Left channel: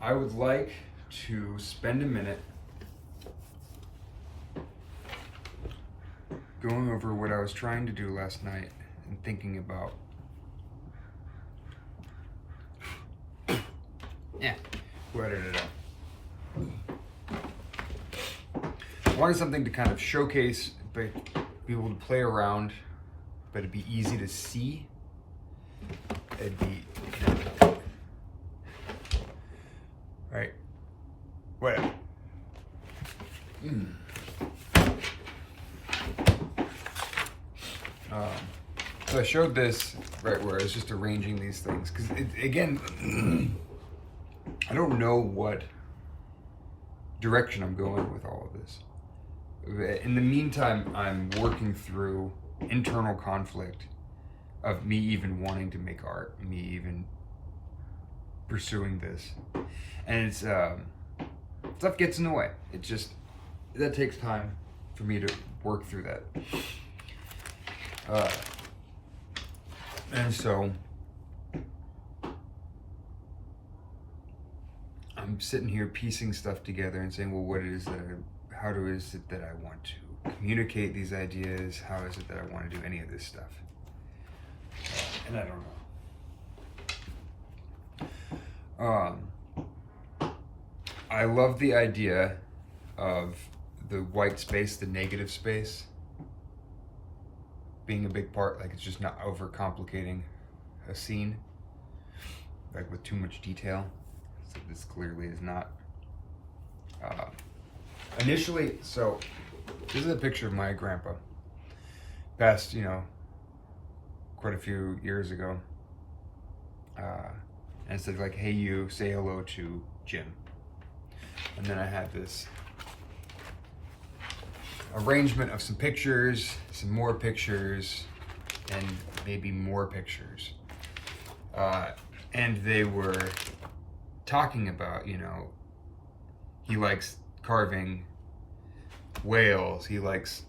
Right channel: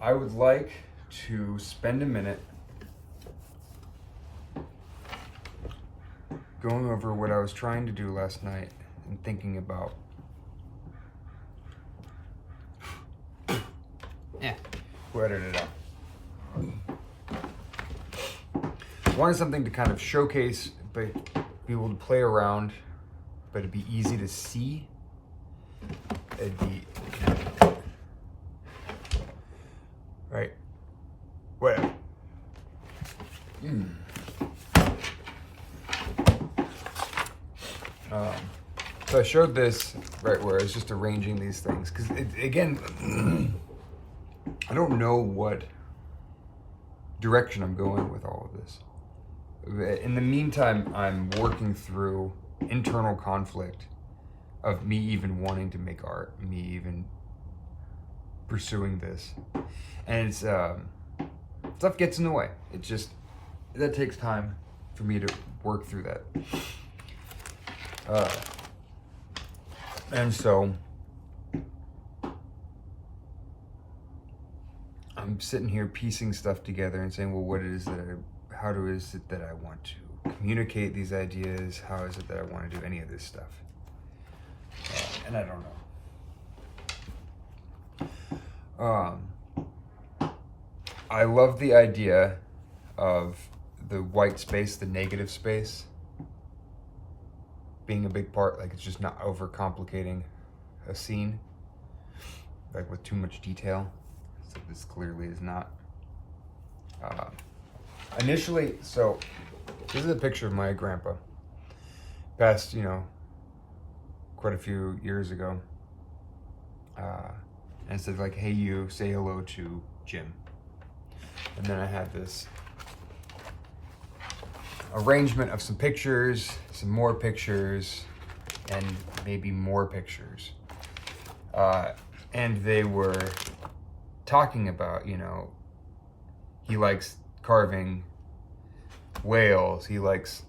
I would like to spend a minute going over what I was trying to do last night and thinking about. Yeah, we'll edit it out. I wanted something to kind of showcase, but be able to play around, but it'd be easy to see. It'd be right. Whatever. So I showed this right where I was just arranging these things because again, I don't know what direction I'm going with all of this. In the meantime, I'm working through internal conflict of me even wanting to make art, me even pursuing this, and it's stuff gets in the way. It just that takes time for me to work through that. And so I'm sitting here piecing stuff together and saying, well, what is it? How is it that I want to communicate these ideas? How is it that I want to do any of this stuff? And I don't know. I love the idea of the white space, the negative space, being a big part. Like, it's just not overcomplicating a scene, like with too much detail. So this clearly is not. Initially, so this is a picture of my grandpa, passed, quite a few years ago. And it said like, hey, you say hello to Jim. And then I had this arrangement of some pictures, some more pictures, and maybe more pictures. And they were talking about, he likes carving whales, he likes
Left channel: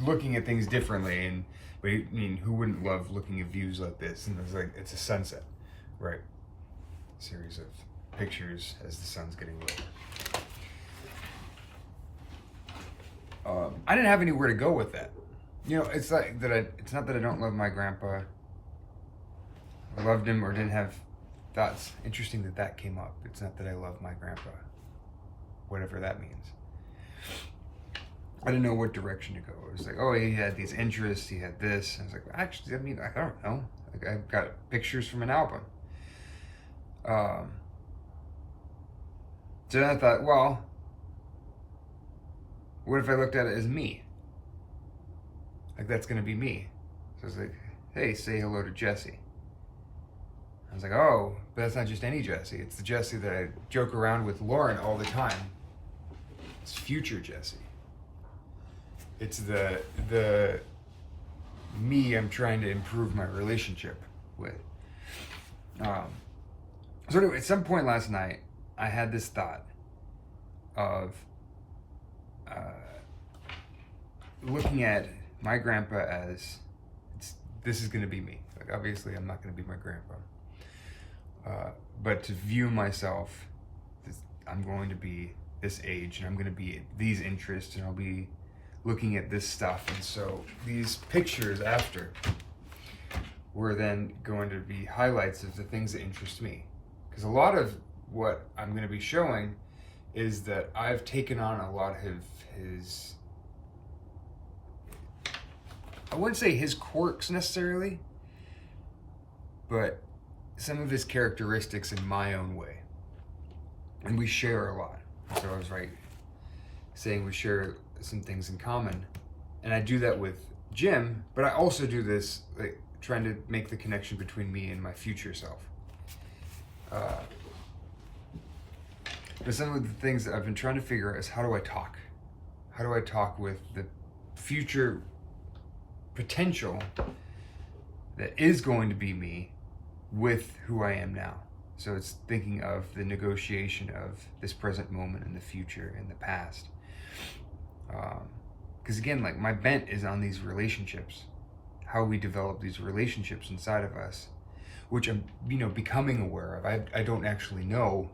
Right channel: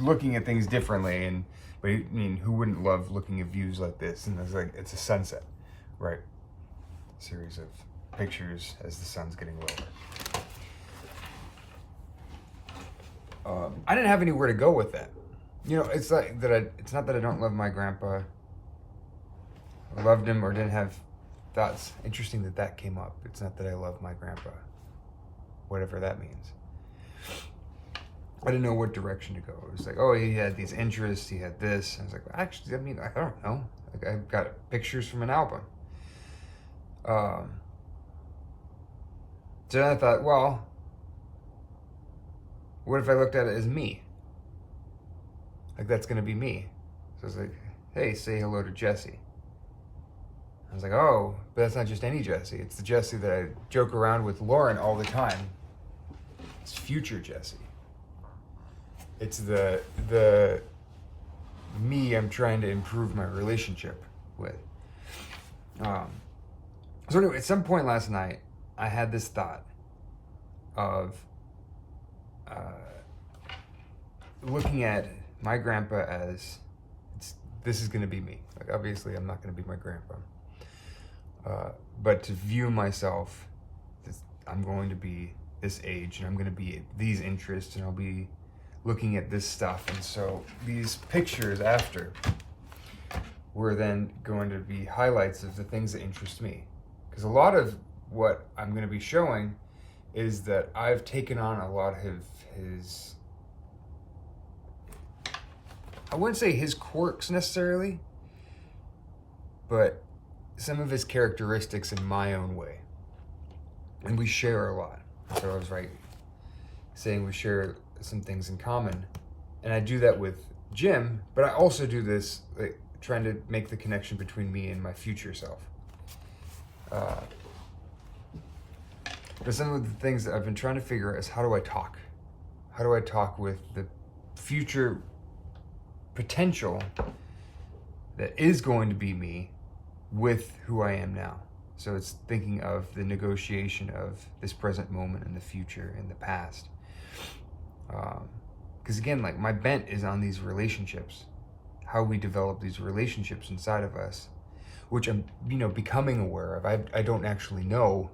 looking at things differently, and who wouldn't love looking at views like this? And it's like, it's a sunset, right? A series of pictures as the sun's getting lower. I didn't have anywhere to go with that. It's like that. It's not that I don't love my grandpa, or loved him, or didn't have thoughts. Interesting that came up. It's not that I love my grandpa, whatever that means. I didn't know what direction to go. It was like, oh, he had these interests, he had this. I was like, actually, I don't know. Like, I've got pictures from an album. So then I thought, well, what if I looked at it as me? Like, that's gonna be me. So I was like, hey, say hello to Jesse. I was like, oh, but that's not just any Jesse. It's the Jesse that I joke around with Lauren all the time. It's future Jesse. It's the me I'm trying to improve my relationship with. So anyway, at some point last night, I had this thought of looking at my grandpa as, this is going to be me. Like, obviously, I'm not going to be my grandpa. But to view myself, I'm going to be this age, and I'm going to be these interests, and I'll be looking at this stuff. And so these pictures after were then going to be highlights of the things that interest me. Because a lot of what I'm going to be showing is that I've taken on a lot of his, I wouldn't say his quirks necessarily, but some of his characteristics in my own way. And we share a lot. So I was saying we share some things in common. And I do that with Jim, but I also do this, like, trying to make the connection between me and my future self. But some of the things that I've been trying to figure out is, how do I talk? How do I talk with the future potential that is going to be me with who I am now? So it's thinking of the negotiation of this present moment and the future and the past. Because again, like, my bent is on these relationships, how we develop these relationships inside of us, which I'm, becoming aware of. I don't actually know.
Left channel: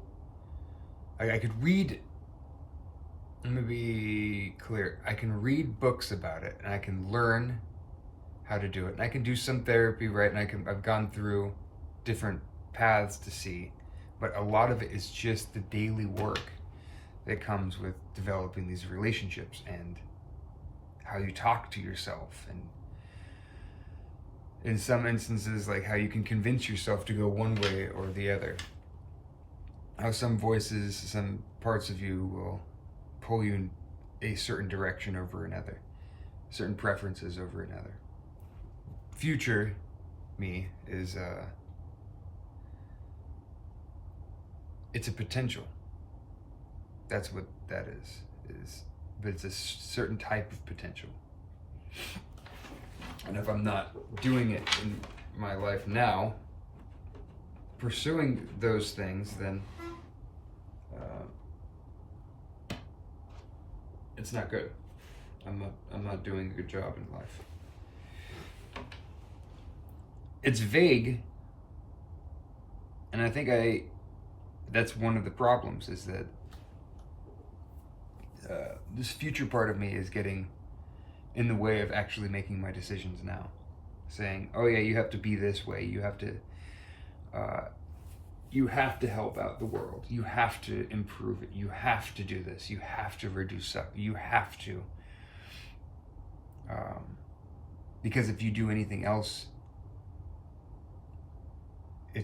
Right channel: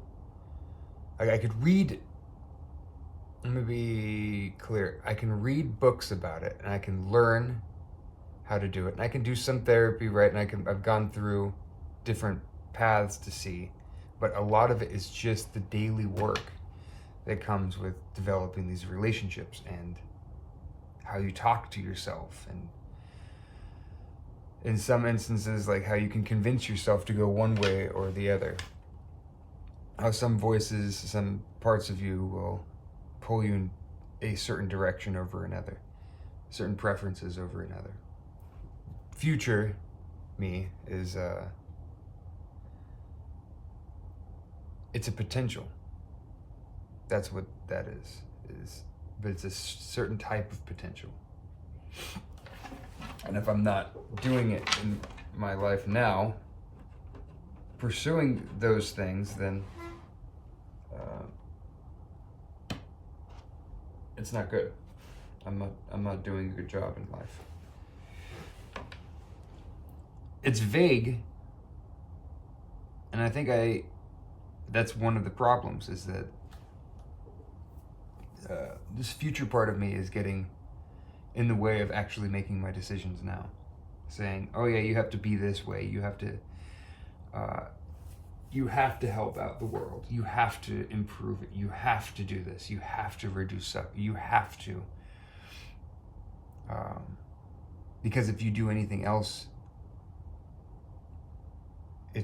I could read, let me be clear, I can read books about it, and I can learn how to do it. And I can do some therapy, right? And I've gone through different paths to see, but a lot of it is just the daily work that comes with developing these relationships and how you talk to yourself, and in some instances, like how you can convince yourself to go one way or the other. How some voices, some parts of you will pull you in a certain direction over another, certain preferences over another. Future me is, it's a potential. That's what that is, but it's a certain type of potential. And if I'm not doing it in my life now, pursuing those things, then it's not good. I'm not doing a good job in life. It's vague, and I think that's one of the problems, is that this future part of me is getting in the way of actually making my decisions now. Saying, oh yeah, you have to be this way, you have to help out the world, you have to improve it, you have to do this, you have to reduce stuff, you have to. Because if you do anything else, I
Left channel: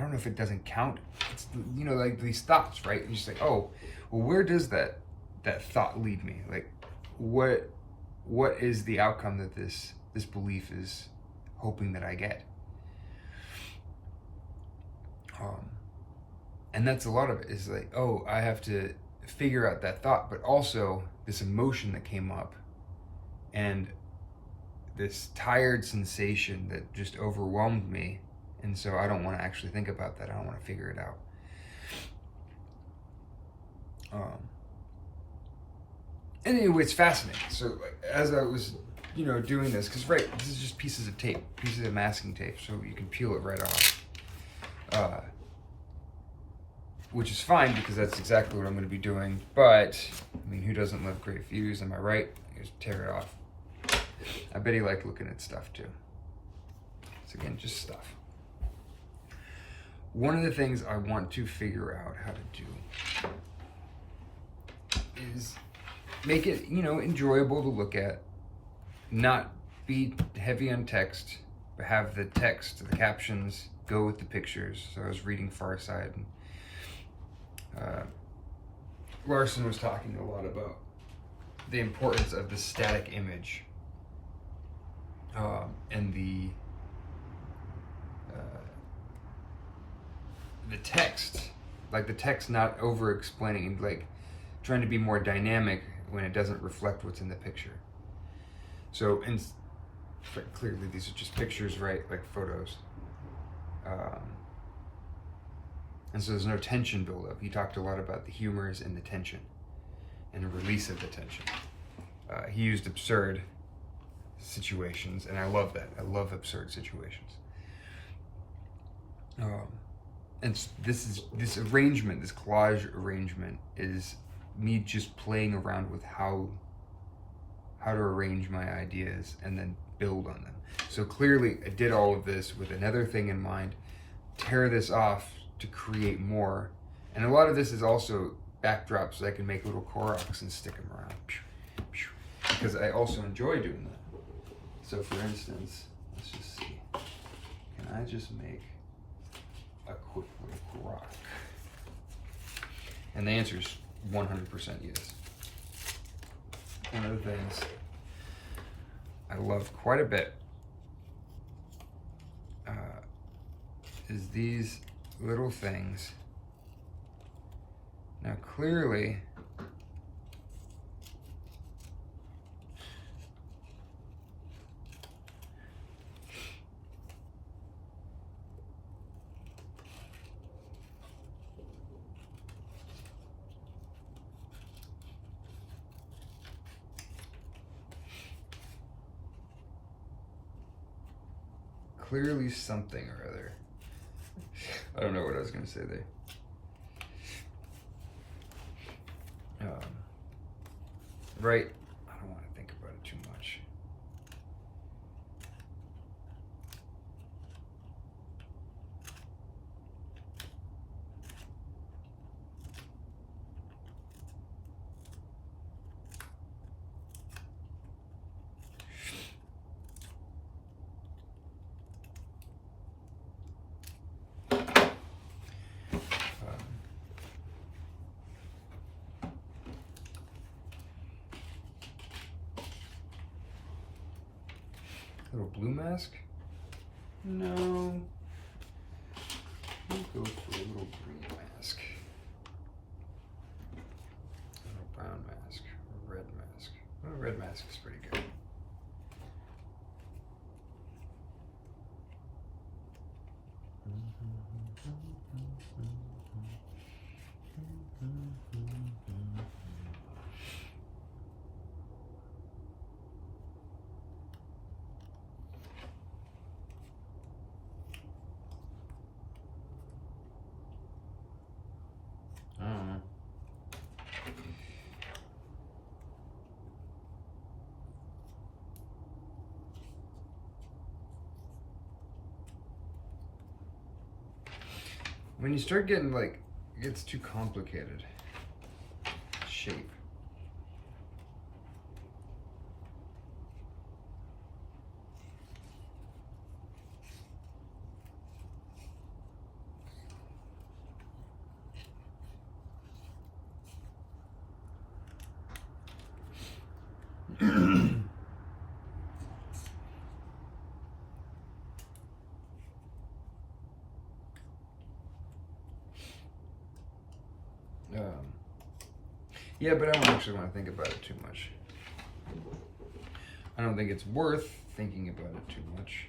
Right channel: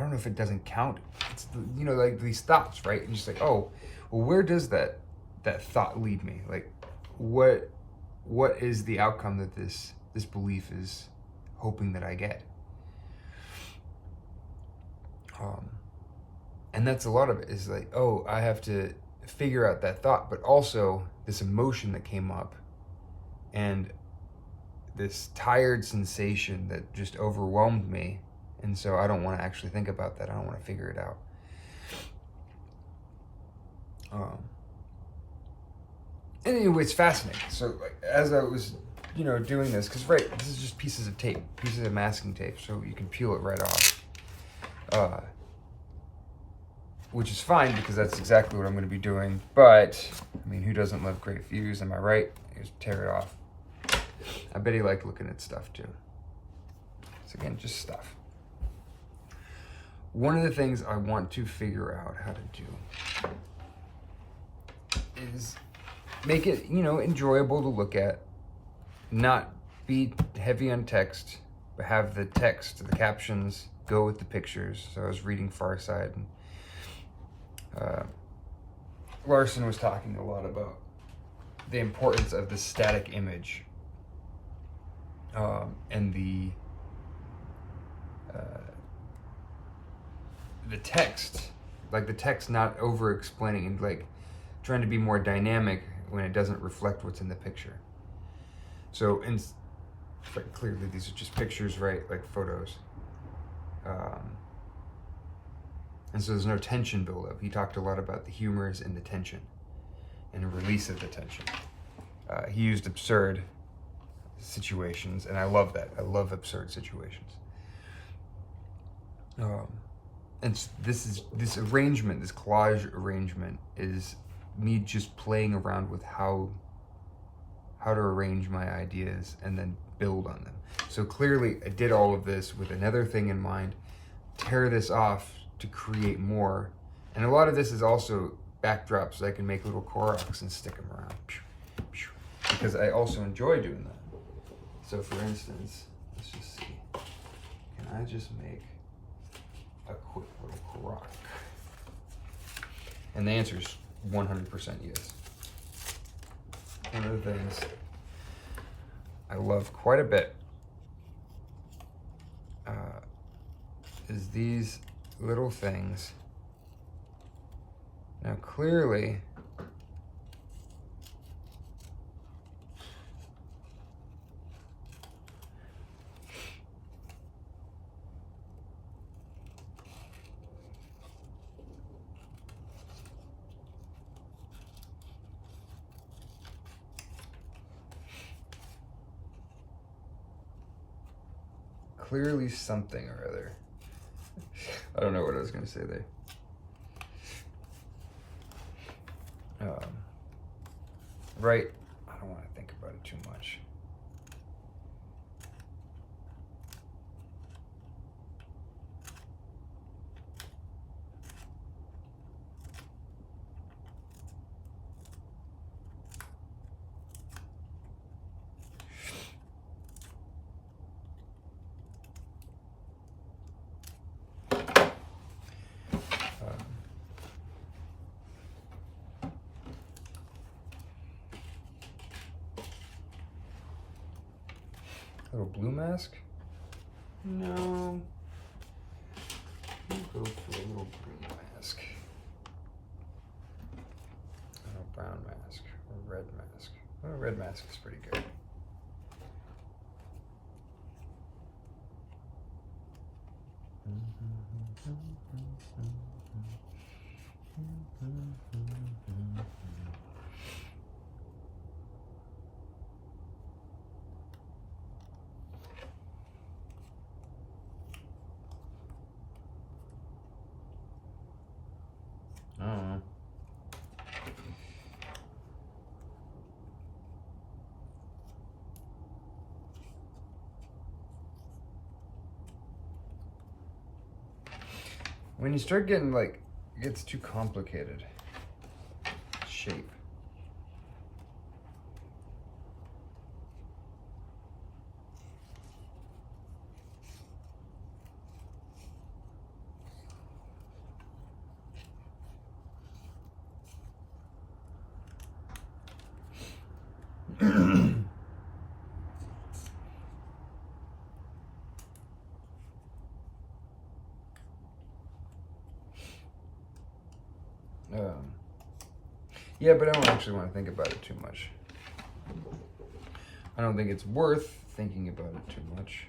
don't know if it doesn't count. It's, like these thoughts, right? You're just like, oh, well, where does that thought lead me? Like, what is the outcome that this belief is hoping that I get? And that's a lot of it, is like, oh, I have to figure out that thought, but also this emotion that came up, and this tired sensation that just overwhelmed me. And so I don't want to actually think about that. I don't want to figure it out. Anyway, it's fascinating. So as I was, doing this, because this is just pieces of tape, pieces of masking tape, so you can peel it right off. Which is fine, because that's exactly what I'm going to be doing. But I mean, who doesn't love great views? Am I right? Just tear it off. I bet he liked looking at stuff too. So again, just stuff. One of the things I want to figure out how to do is make it, enjoyable to look at, not be heavy on text, but have the text, the captions go with the pictures. So I was reading Far Side, and Larson was talking a lot about the importance of the static image, and the text, like the text not over explaining, and like trying to be more dynamic when it doesn't reflect what's in the picture. So but clearly these are just pictures, right? Like photos. And so there's no tension buildup. He talked a lot about the humors and the tension and the release of the tension. He used absurd situations, and I love that. I love absurd situations. And this arrangement, this collage arrangement, is me just playing around with how to arrange my ideas and then build on them. So clearly I did all of this with another thing in mind: tear this off to create more. And a lot of this is also backdrops, so I can make little Koroks and stick them around, because I also enjoy doing that. So for instance, let's just see, can I just make a quick little Korok? And the answer is 100% yes. One of the things I love quite a bit is these little things. Now clearly, clearly something or other. I don't know what I was going to say there. Right. I don't want to think about it too much. Little blue mask? No. We'll go for a little green mask. And a brown mask. Or a red mask. Oh, red mask is pretty good. When you start getting like, it gets too complicated. Shape. Yeah, but I don't actually want to think about it too much. I don't think it's worth thinking about it too much.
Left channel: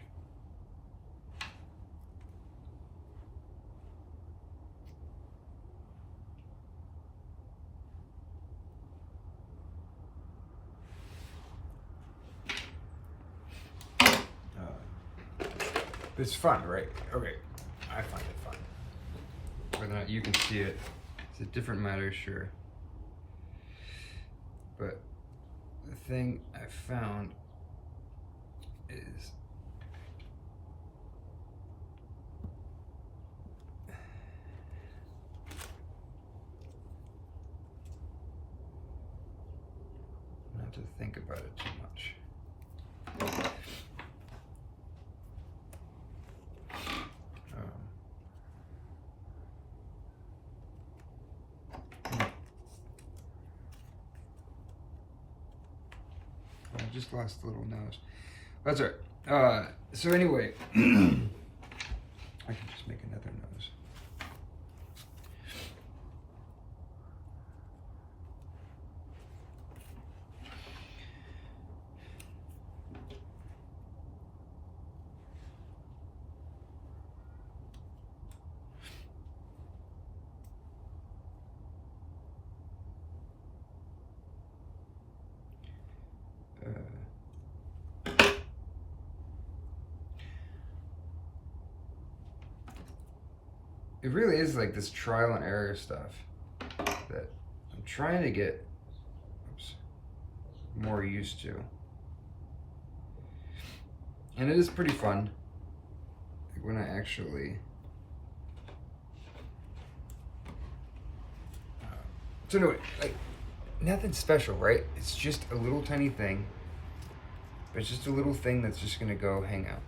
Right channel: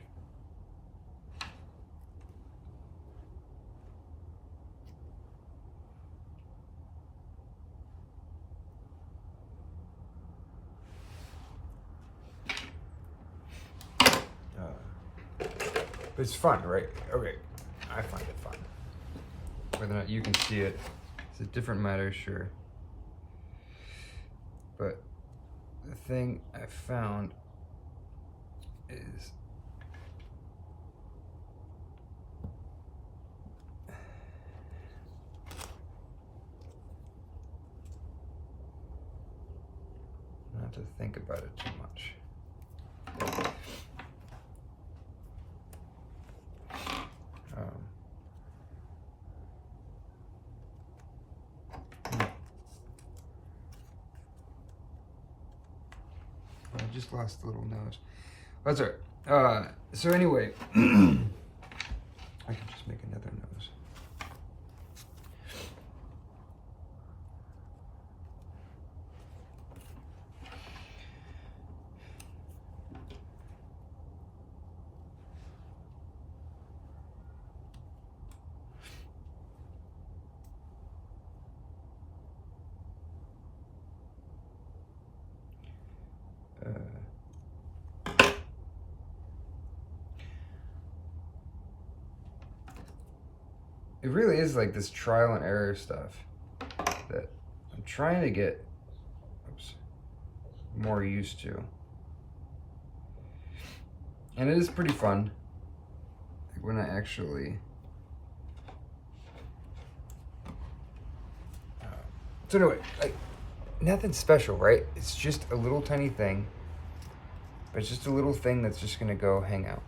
But it's fun, right? Okay, I find it fun. Whether or not you can see it, it's a different matter, sure. But the thing I found is not to think about it too much. I just lost a little nose. That's all right. So anyway, I can just make another nose. It really is like this trial and error stuff that I'm trying to get more used to. And it is pretty fun when I actually so anyway, like, nothing special, right? It's just a little tiny thing. It's just a little thing that's just gonna go hang out.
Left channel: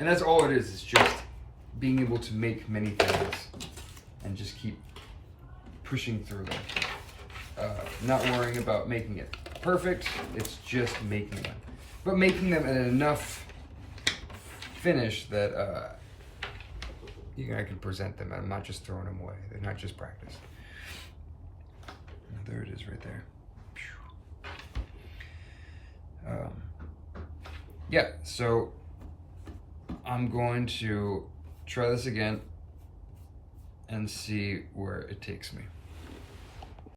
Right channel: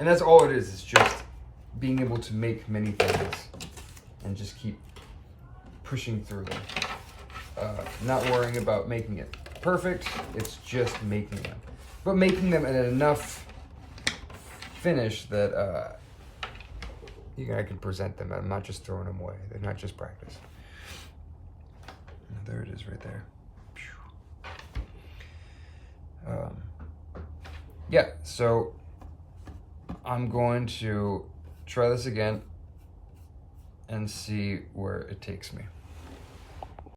And that's all it is just being able to make many things and just keep pushing through them. Not worrying about making it perfect, it's just making them. But making them in enough finish that I can present them. I'm not just throwing them away. They're not just practice. There it is right there. Yeah, so I'm going to try this again and see where it takes me.